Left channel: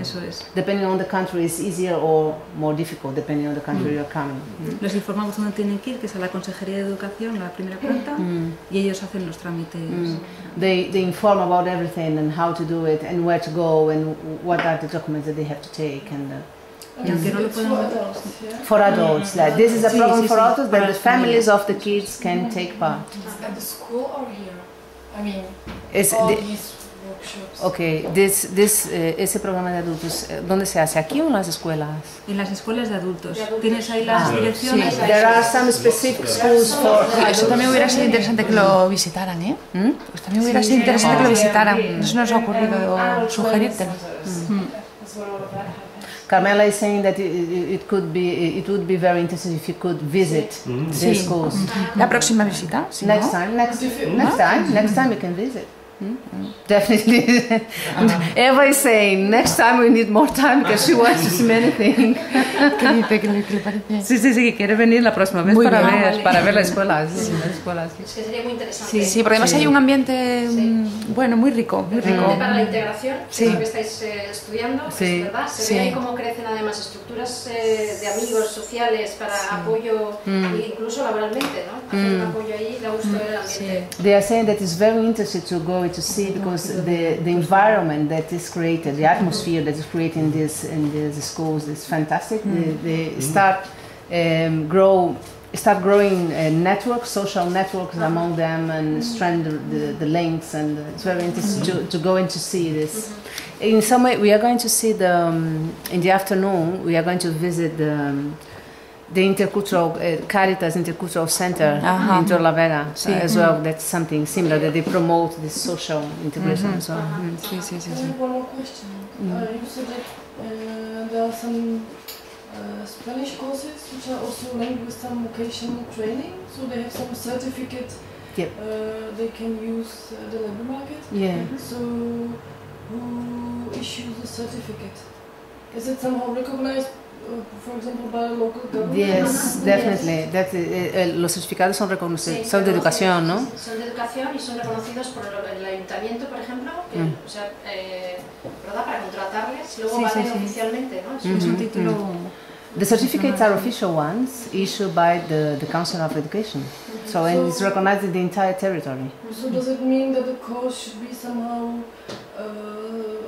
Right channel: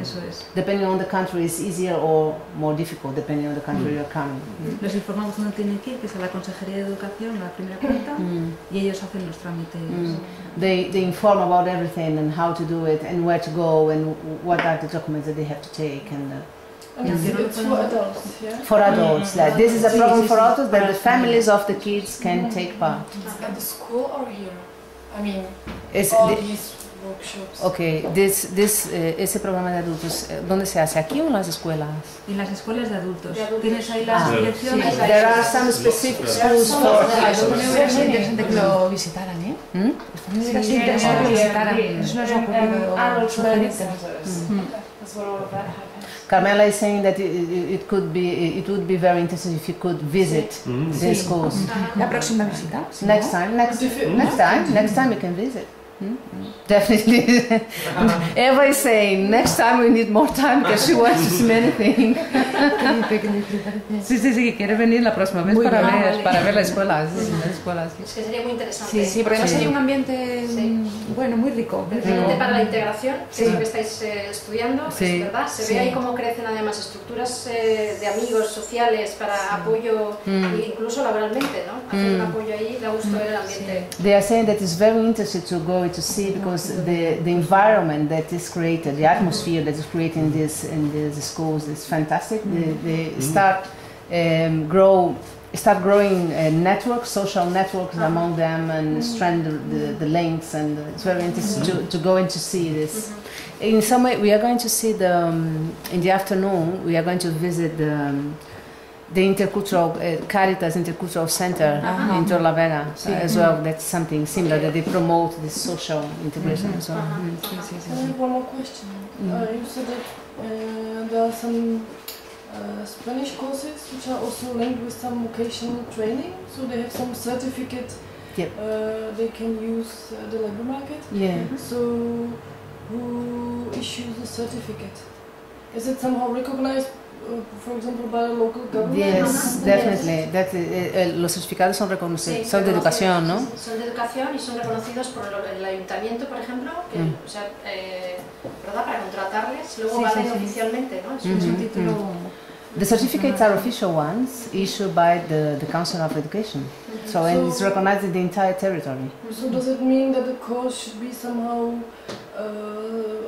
Eso es. Depending on the country, it's easier or more difficult, depending on the country you're coming. Los informamos dónde tienen que ir, que es a la Consejería de Educación, la primera planta, y ellos hacen los trámites. They inform about everything and how to do it and where to go and what are the documents that they have to take. And it's for adults, yeah? For adults, like this is a program for adults that the families of the kids can take part. At the school or here? I mean, It's all these workshops. Okay, ese programa de adultos, ¿dónde se hace? ¿Aquí o en las escuelas? En las escuelas de adultos. Tienes ahí las direcciones. Sí. There are some specific schools for... Eso también hubiera sido interesante que lo visitaran, ¿eh? Pues también hubiera sido interesante que lo visitaran. Eso nos ha ocurrido sugerírtelo. Carmela is saying that it would be very interesting if you could visit the schools. La próxima visita. Si Next time you can visit. Definitely. Eva is saying next time we need more time because she wants to see many things. ¿Qué le parece? Sí, que quiere venir la próxima vez para ver la escuela. Es que sería muy interesante. Sí, porque además hay un ambiente bueno, muy rico. Para la integración, que es lo que estáis estudiando, ¿verdad? Se ve ahí cómo crecen además estructuras de amigos sociales para apoyo, incluso laboralmente, ¿no? Hacer un apoyo ahí, da gusto ver el ambiente. They are saying that it's very interesting to go to see because the environment that is created, the atmosphere that is created in these schools is fantastic. They start growing networks, social networks among them, and strengthen the links. And it's very interesting to go and to see this. In some way, we are going to see in the afternoon. We are going to visit the Intercultural Caritas Intercultural Center in Torlavega as well. That's something similar that they promote this social integration as well. I have one more question. You said that there are some Spanish courses which are also linked with some vocational training, so they have some certificate they can use the labor market. So who issues the certificate? Is it somehow recognized? For example, by the local government? Yes, definitely. Los certificados son reconocidos, son de educación, ¿no? Son de educación y son reconocidos por el Ayuntamiento, por ejemplo, que, o sea, ¿verdad? Para contratarles, luego valen oficialmente, ¿no? Es un título. The certificates are official ones issued by the Council of Education, and it's recognized in the entire territory. So does it mean that the course should be somehow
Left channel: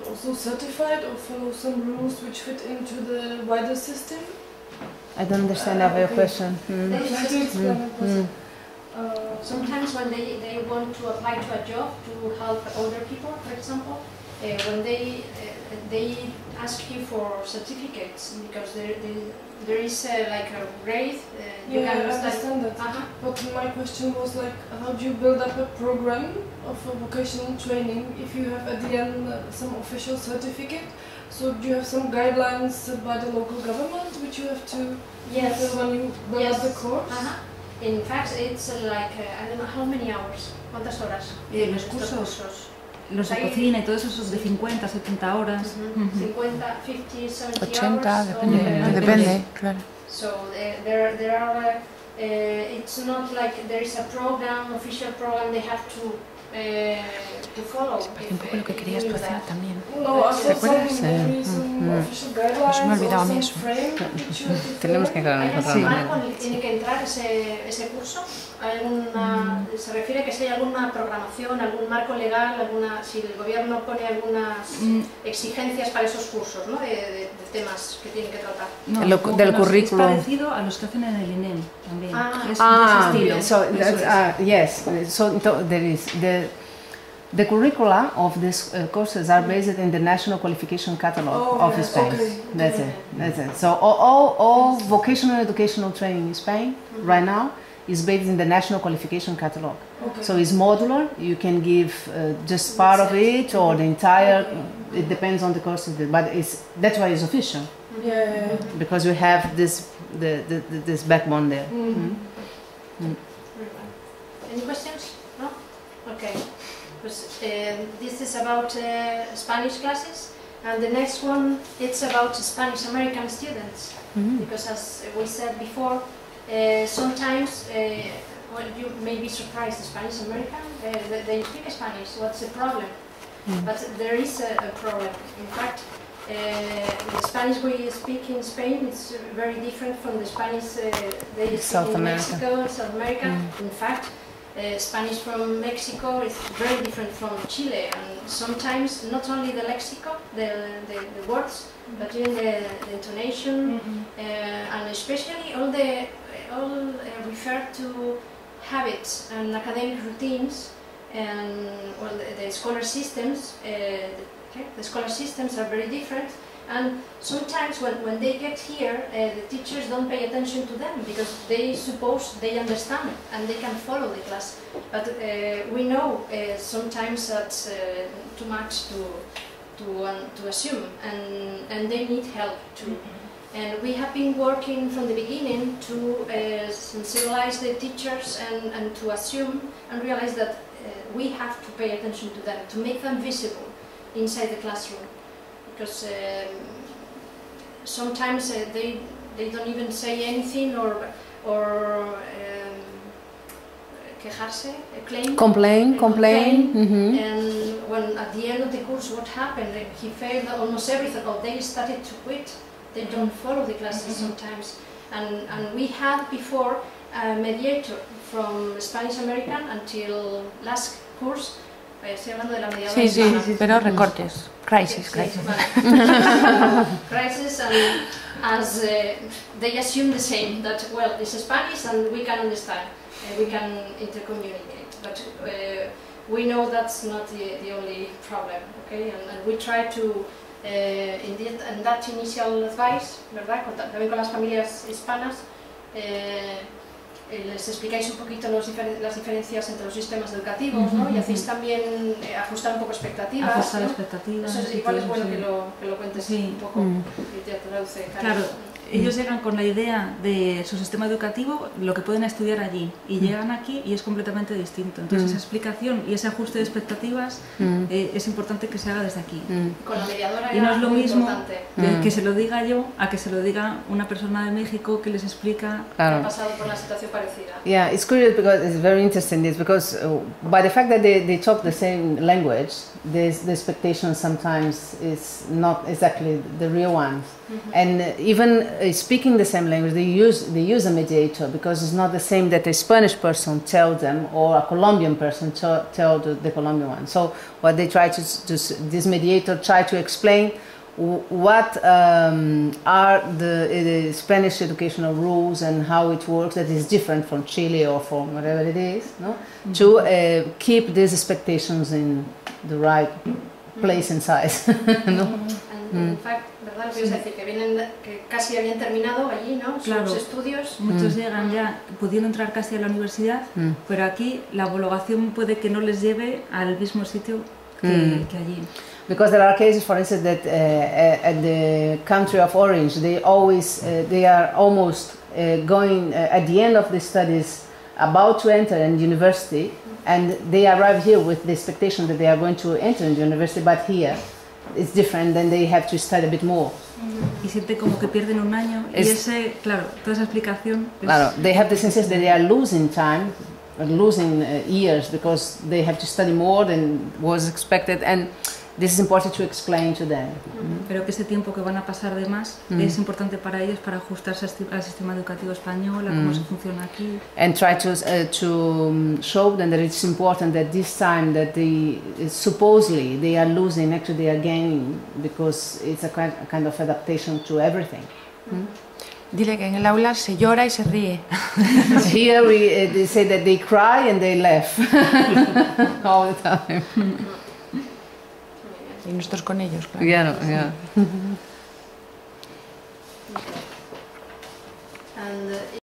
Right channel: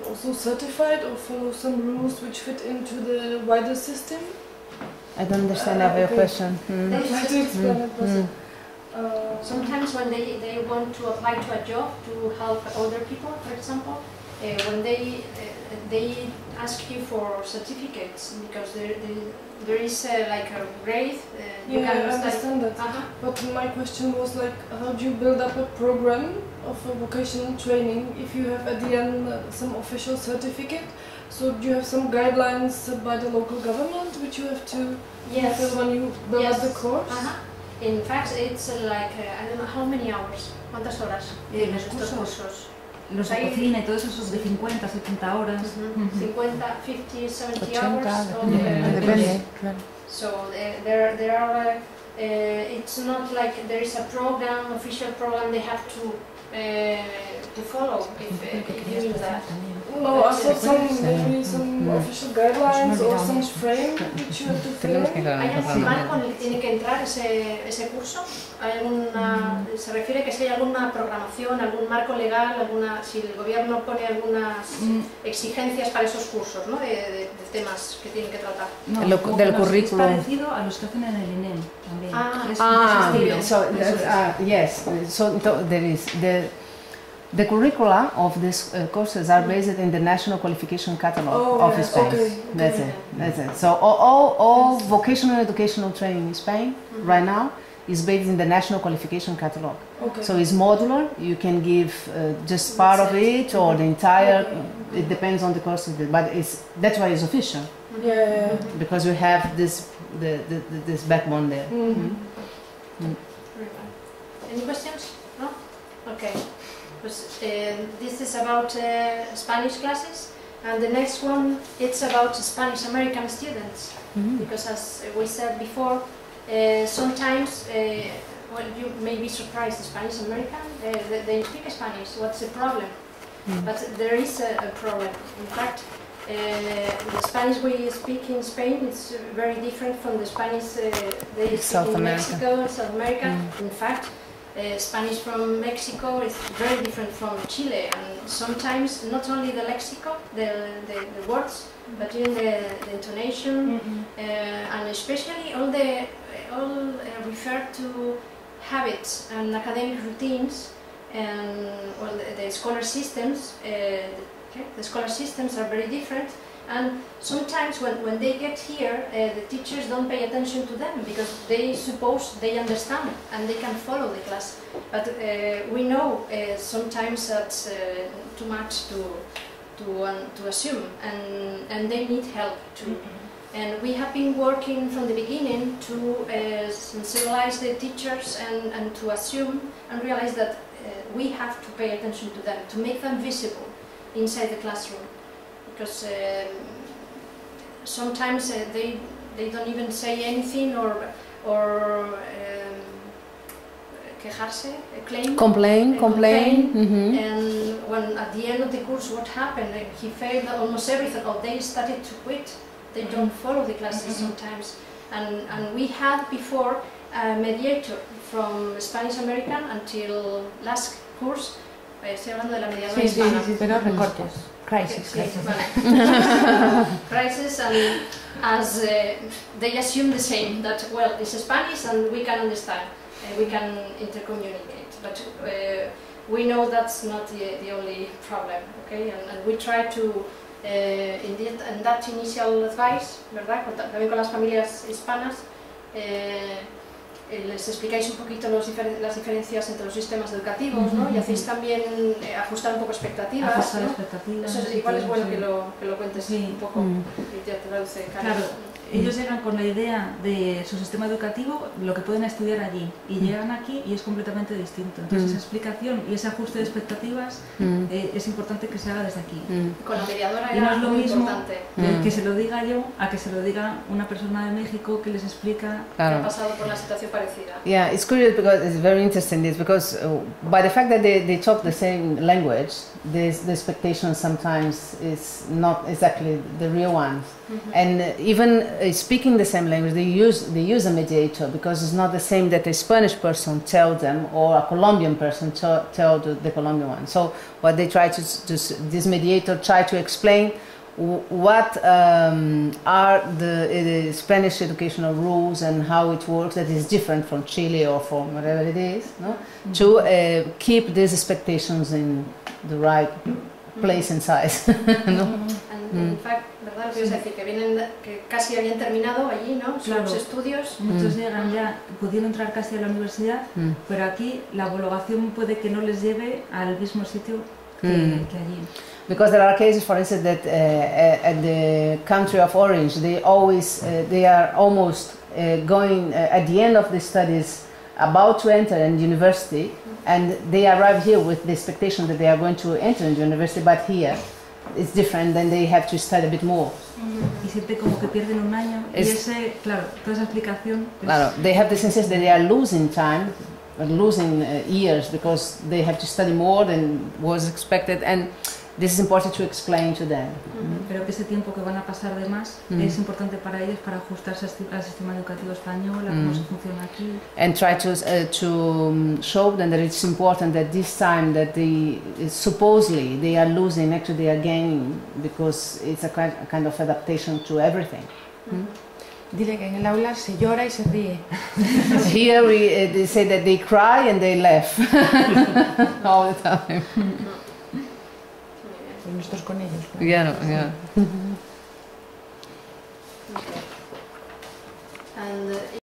also certified or follow some rules which fit into the wider system? I don't understand your question. Sometimes when they want to apply to a job to help older people, for example, when they ask you for certificates because there is like a grade. You can understand that. But my question was like, how do you build up a program of vocational training if you have at the end some official certificate? So do you have some guidelines by the local government which you have to fulfill when you build up the course? In fact, it's like I don't know how many hours. ¿Cuántas horas? Los cursos. Los de cocina y todos esos de 50, 70 horas. 50, 50, 70 80, hours. depende, claro. So there are, it's not like there is a program, official program they have to follow. Un poco lo que querías pasar también. No, maybe some official guidelines or some frame which you have to Tenemos que ¿Hay algún marco en el que tiene que entrar ese curso? ¿Se refiere que si hay alguna programación, algún marco legal, si el gobierno pone algunas exigencias para esos cursos, ¿no? de temas que tienen que tratar? No, del currículo. Es parecido a los que hacen en el INEM también. Yes. So there is the curricula of these courses are based in the National Qualification Catalog of Spain. Okay. That's it. So all vocational educational training in Spain right now is based in the National Qualification Catalog. Okay. So it's modular. You can give just part of it or the entire. It depends on the course, but that's why it's official. Because we have this backbone there. Any questions? No? Okay. This is about Spanish classes, and the next one it's about Spanish American students. Because as we said before, sometimes you may be surprised, Spanish American, they speak Spanish, what's the problem? But there is a problem. In fact, the Spanish we speak in Spain is very different from the Spanish they speak South in America. Mexico and South America. In fact, Spanish from Mexico is very different from Chile, and sometimes not only the lexico, the words, but even the intonation, and especially all refer to habits and academic routines, and well, the scholar systems. The scholar systems are very different, and sometimes when they get here, the teachers don't pay attention to them because they suppose they understand and they can follow the class. But we know sometimes that's too much to assume, and they need help too. And we have been working from the beginning to sensibilize the teachers and to assume and realize that we have to pay attention to them, to make them visible inside the classroom, because sometimes they don't even say anything or quejarse, complain. And when at the end of the course, what happened? He failed almost everything, or they started to quit. They don't follow the classes sometimes. And we had before a mediator from Spanish American until last course. Estoy hablando de la mediadora hispana. Sí, pero recortes. Crisis. Vale. Crisis, and as they assume the same, that well, it's Spanish and we can understand, we can intercommunicate, but we know that's not the only problem, okay? And we try to, in that initial advice, ¿verdad? También con las familias hispanas, les explicáis un poquito las diferencias entre los sistemas educativos, ¿no? Y hacéis también ajustar un poco expectativas. Ajustar ¿no? expectativas. Eso es igual, es bueno que lo cuentes un poco, que te traduce. Claro, ellos llegan con la idea de su sistema educativo, lo que pueden estudiar allí, y llegan aquí y es completamente distinto. Entonces esa explicación y ese ajuste de expectativas es importante que se haga desde aquí. Con la mediadora y no es lo mismo importante. Que se lo diga yo a que se lo diga una persona de México que les explica. Claro. Que ha pasado por una situación parecida. Yeah, it's curious because it's very interesting. It's because by the fact that they talk the same language, the expectation sometimes is not exactly the real ones. And even speaking the same language, they use a mediator because it's not the same that a Spanish person tells them or a Colombian person tell the Colombian one. So what they try to this mediator try to explain what are the Spanish educational rules and how it works that is different from Chile or from whatever it is, no? To keep these expectations in the right place and size. No? And in fact, ¿verdad? Lo que ibas a decir, que vienen, que casi habían terminado allí, ¿no? Claro. Sus estudios. Muchos llegan ya pudiendo entrar casi a la universidad, pero aquí la homologación puede que no les lleve al mismo sitio que allí. Because there are cases, for instance, that at the country of origin, they are almost going at the end of the studies, about to enter in university, and they arrive here with the expectation that they are going to enter in the university, but here it's different, then they have to study a bit more. Y siente como que pierden un año, y ese, claro, toda esa explicación. Claro, they have the sense that they are losing time, losing years, because they have to study more than was expected, and this is important to explain to them. Pero que ese tiempo que van a pasar de más es importante para ellos para ajustarse al sistema educativo español, a cómo se funciona aquí. And try to show them that it's important that this time that supposedly they are losing, actually they are gaining, because it's a kind of adaptation to everything. Dile que en el aula se llora y se ríe. Here they say that they cry and they laugh all the time. Y nosotros con ellos, claro. Yeah, yeah. And